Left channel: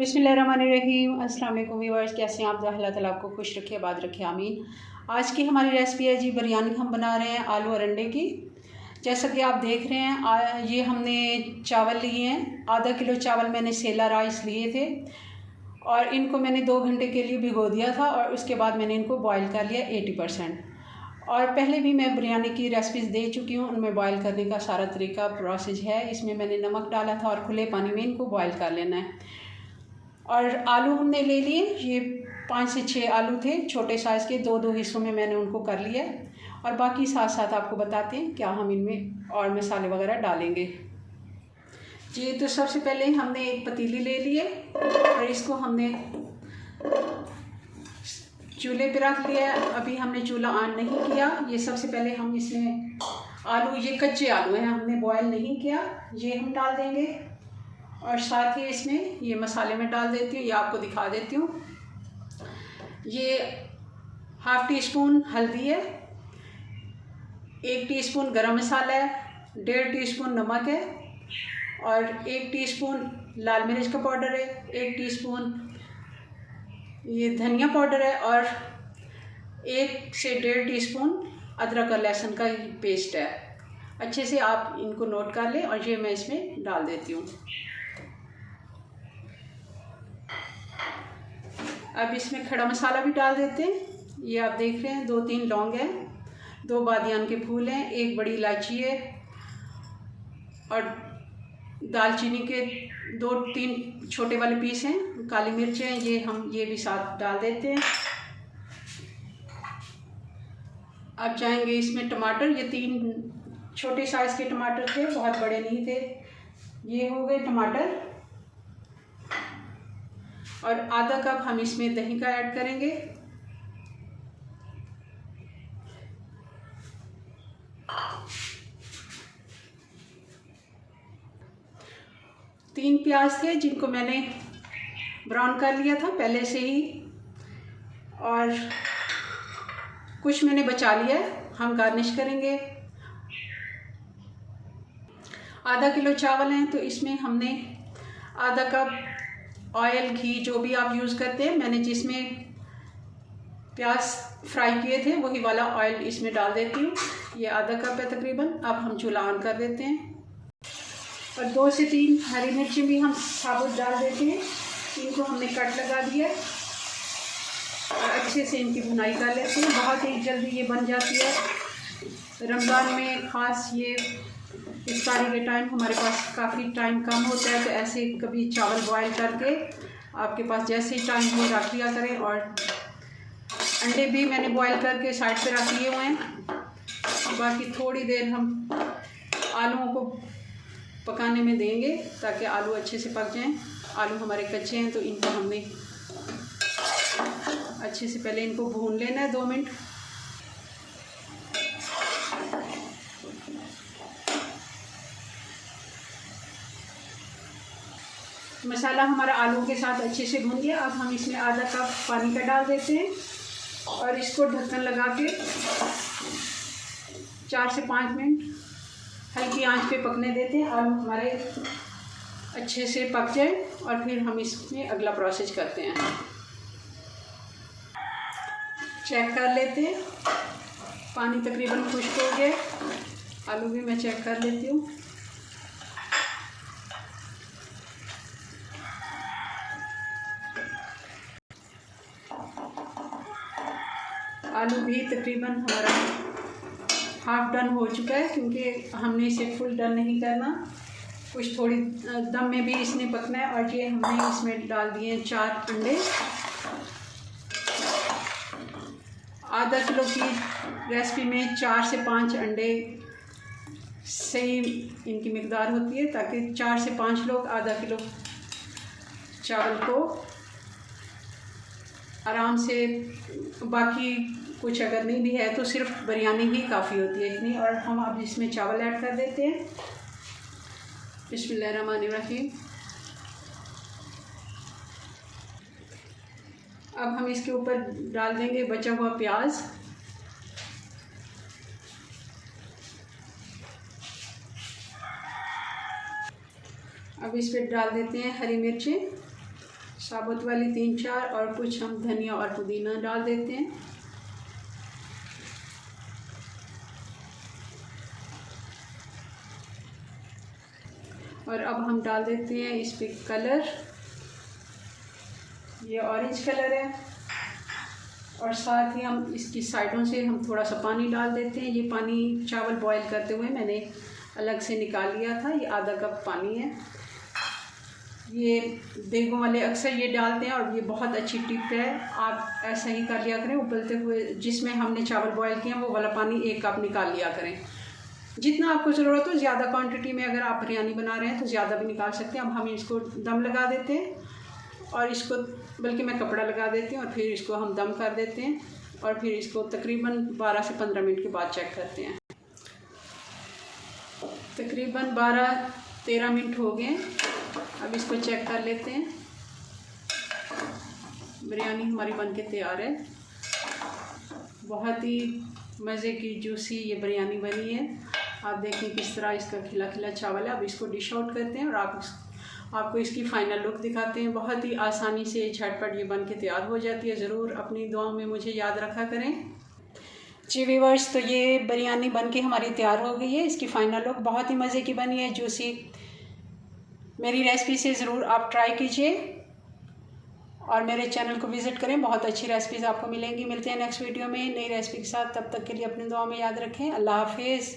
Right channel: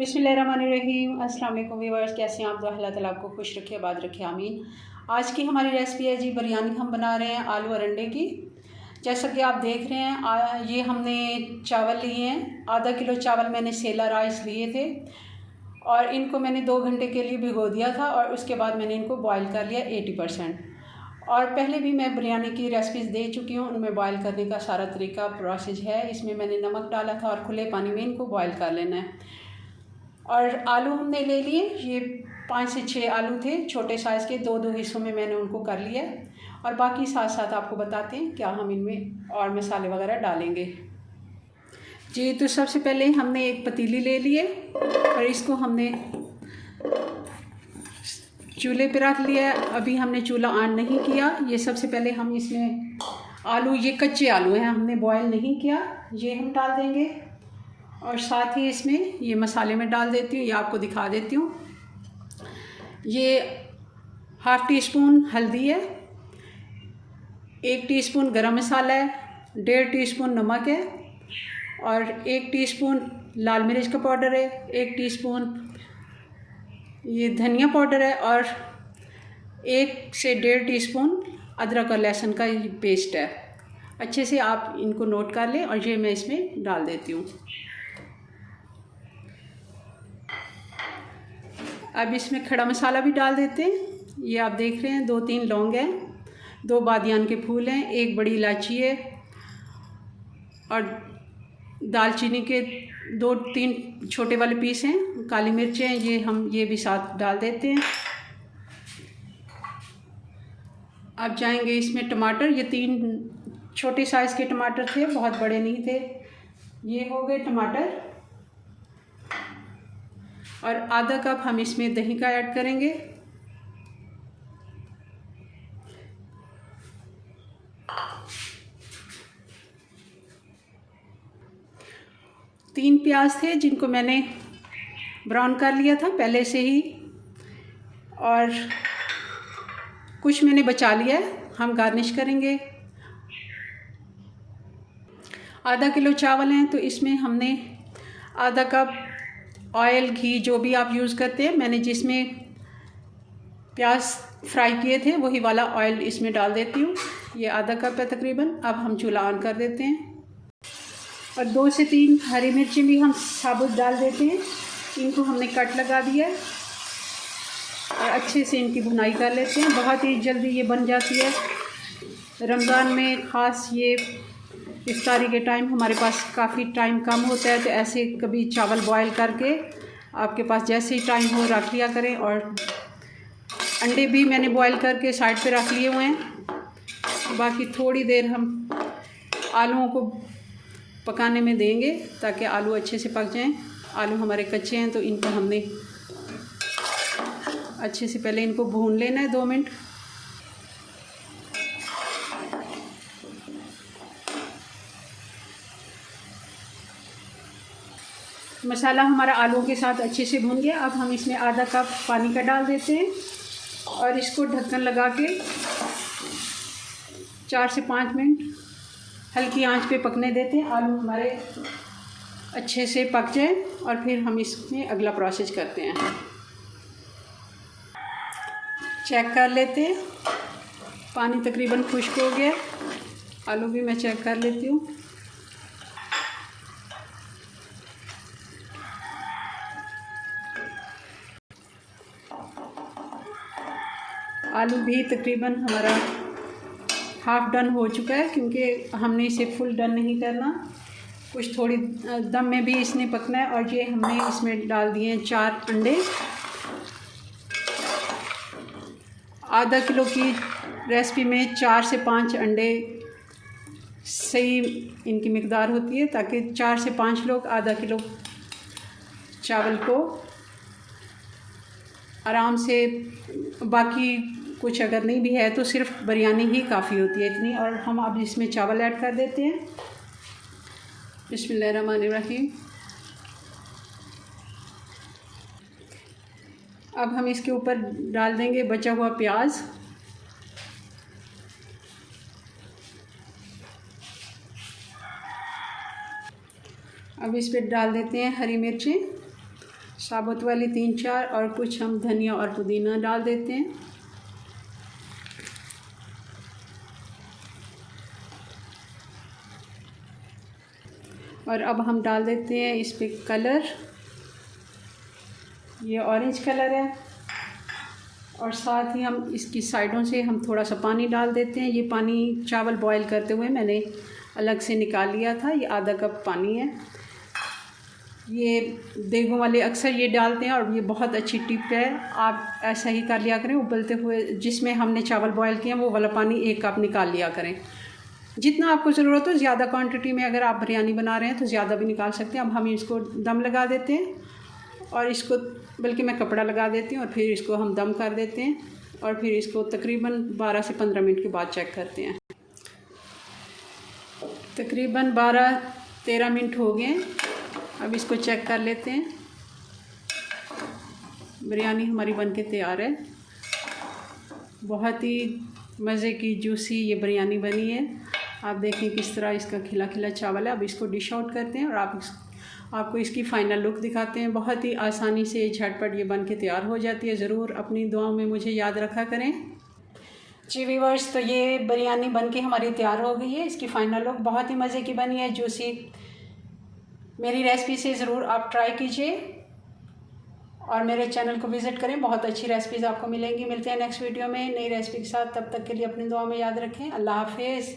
बिस्मिल्लाहिर्रहमानिर्रहीम। अस्सलाम वालेकुम व्यूअर्स, कैसे हैं आप? अल्लाह ताला आपको खुश रखे, आबाद रखे, आमीन। आज की हमारी रेसिपी है जी बिरयानी। हम बना रहे हैं आलू और अंडे की। जैसा कि आप देख रहे हैं, ये हमने चावल लिए हैं। आधा किलो चावल मैंने सेला राइस लिए थे और इनको मैंने 2 घंटे के लिए भिगो दिया था और उसके बाद मैंने इनको बॉईल कर लिया 80%। और पहले भी मैं बिरयानी की रेसिपीज़ दे चुकी हूँ, उनमें बॉईल करने का सारा तरीका प्रोसेस है। इसमें मैंने नमक डाला था और खुले पानी में इनको बॉईल कर लेना है। और आलू हमने ले लिए, ये 5 से 6 आलू थे, छोटे साइज़ के। 2-2 हिस्सों में मैंने उनको कर लिया और बाकी साथ साथ आपको बताते हैं क्या हम इनमें और मसाले वगैरह डालेंगे जी। तो सबसे पहले हमने एक पतीली ले लिए और इसको हमने चूल्हे पे रख लिया। अभी हमने चूल्हा ऑन नहीं किया। ये सबसे पहले हम इसमें आलू, ये कच्चे आलू हैं, हमने बॉयल नहीं किया, ये हम डाल देंगे। और साथ ही इसमें ये मसाले में डाल देती हूँ, ये आपको दिखा देती हूँ। ये 1/2 टीस्पून हल्दी है, 1 टीस्पून गरम मसाला है, 1.5 टीस्पून नमक है और 1 टीस्पून लाल मिर्च का पाउडर है, 1 टीस्पून ये धनिया पाउडर है और 1 से 1.5 टीस्पून अदरक और लहसुन का पेस्ट है। अच्छे से आप इनको नोट कर लें और ये मैं इसमें डाल देती हूँ। अब इसमें खड़ा मसाला भी डाल देते हैं। ये आप देख रहे हैं 2-3 लौंग हैं, 2 बादियान के फूल हैं, 1 बड़ी इलायची है और दालचीनी के 2-3 छोटे वाले पीस हैं, काली मिर्च हैं, ये हम ये भी साथ डाल देते हैं। अब जाएंगे इसमें टमाटर। ये 3 छोटे साइज़ के टमाटर थे, बहुत बड़े नहीं थे। ये हो गए टमाटर और आधा कप हम इसमें दही का ऐड करेंगे। तीन प्याज थे जिनको मैंने ब्राउन कर लिया था पहले से ही और कुछ मैंने बचा लिया है, हम गार्निश करेंगे। आधा किलो चावल हैं तो इसमें हमने आधा कप ऑयल, घी जो भी आप यूज़ करते हैं, मैंने जिसमें प्याज फ्राई किए थे वही वाला ऑयल इसमें डाल देती हूँ। ये आधा कप है तकरीबन। अब हम चूल्हा ऑन कर देते हैं और 2 से 3 हरी मिर्ची भी हम साबुत डाल देते हैं। इनको हमने कट लगा दिया है और अच्छे से इनकी भुनाई कर लेते हैं। बहुत ही जल्दी ये बन जाती है। रमज़ान में ख़ास ये इफ्तारी के टाइम हमारे पास काफ़ी टाइम कम होता है, तो ऐसे कभी चावल बॉयल करके आपके पास जैसे ही टाइम हो रख लिया करें। और अंडे भी मैंने बॉयल करके साइड पे रख लिए हुए हैं। बाकी थोड़ी देर हम आलूओं को पकाने में देंगे ताकि आलू अच्छे से पक जाएं। आलू हमारे कच्चे हैं तो इनको हमने अच्छे से पहले इनको भून लेना है 2 मिनट। मसाला हमारा आलू के साथ अच्छे से भून गया। अब हम इसमें आधा कप पानी का डाल देते हैं और इसको ढक्कन लगा के 4 से 5 मिनट हल्की आंच पे पकने देते हैं। आलू हमारे अच्छे से पक जाए और फिर हम इसमें अगला प्रोसेस करते हैं। चेक कर लेते हैं, पानी तकरीबन खुश्क हो गया। आलू भी मैं चेक कर लेती हूँ। आलू भी तकरीबन हमारा हाफ डन हो चुका है, क्योंकि हमने इसे फुल डन नहीं करना, कुछ थोड़ी दम में भी इसने पकना है। और ये हमने इसमें डाल दिए 4 अंडे। आधा किलो की रेसिपी में 4 से 5 अंडे सही इनकी मिकदार होती है, ताकि 4 से 5 लोग आधा किलो चावल को आराम से, बाकी कुछ अगर नहीं भी है तो सिर्फ बिरयानी ही काफ़ी होती है इतनी। और हम अब इसमें चावल ऐड कर देते हैं। बिस्मिल्लाहिर्रहमानिर्रहीम। अब हम इसके ऊपर डाल देंगे बचा हुआ प्याज। अब इस पर डाल देते हैं हरी मिर्ची। साबुत वाली 3-4 और कुछ हम धनिया और पुदीना डाल देते हैं। और अब हम डाल देते हैं इस पे कलर, ये ऑरेंज कलर है, और साथ ही हम इसकी साइडों से हम थोड़ा सा पानी डाल देते हैं। ये पानी चावल बॉईल करते हुए मैंने अलग से निकाल लिया था, ये आधा कप पानी है। ये देगों वाले अक्सर ये डालते हैं और ये बहुत अच्छी टिप है, आप ऐसा ही कर लिया करें। उबलते हुए जिसमें हमने चावल बॉईल किए हैं वो वाला पानी 1 कप निकाल लिया करें। जितना आपको ज़रूरत हो, ज़्यादा क्वांटिटी में अगर आप बिरयानी बना रहे हैं तो ज़्यादा भी निकाल सकते हैं। अब हम इसको दम लगा देते हैं और इसको, बल्कि मैं कपड़ा लगा देती हूँ और फिर इसको हम दम कर देते हैं और फिर इसको तकरीबन 12 से 15 मिनट के बाद चेक करते हैं। तकरीबन 12-13 मिनट हो गए। अब इसको चेक कर लेते हैं। बिरयानी हमारी बनके तैयार है। बहुत ही मज़े की जूसी ये बिरयानी बनी है। आप देखिए किस तरह इसका खिला खिला चावल है। अब इसको डिश आउट करते हैं और आपको इसकी फ़ाइनल लुक दिखाते हैं। बहुत ही आसानी से झटपट ये बन के तैयार हो जाती है। ज़रूर अपनी दुआओं में मुझे याद रखा करें। जी व्यूअर्स, तो ये बिरयानी बन के हमारी तैयार हो गई है। इसकी फ़ाइनल लुक बहुत ही मज़े की बनी है, जूसी। मेरी रेसिपी से ज़रूर आप ट्राई कीजिए और मेरे चैनल को विज़िट करें। बहुत अच्छी रेसिपीज़ आपको मिलेंगी। मिलते हैं नेक्स्ट वीडियो में नई रेसिपी के साथ। तब तक के लिए अपनी दुआ में याद रखें। अल्लाह हाफिज़।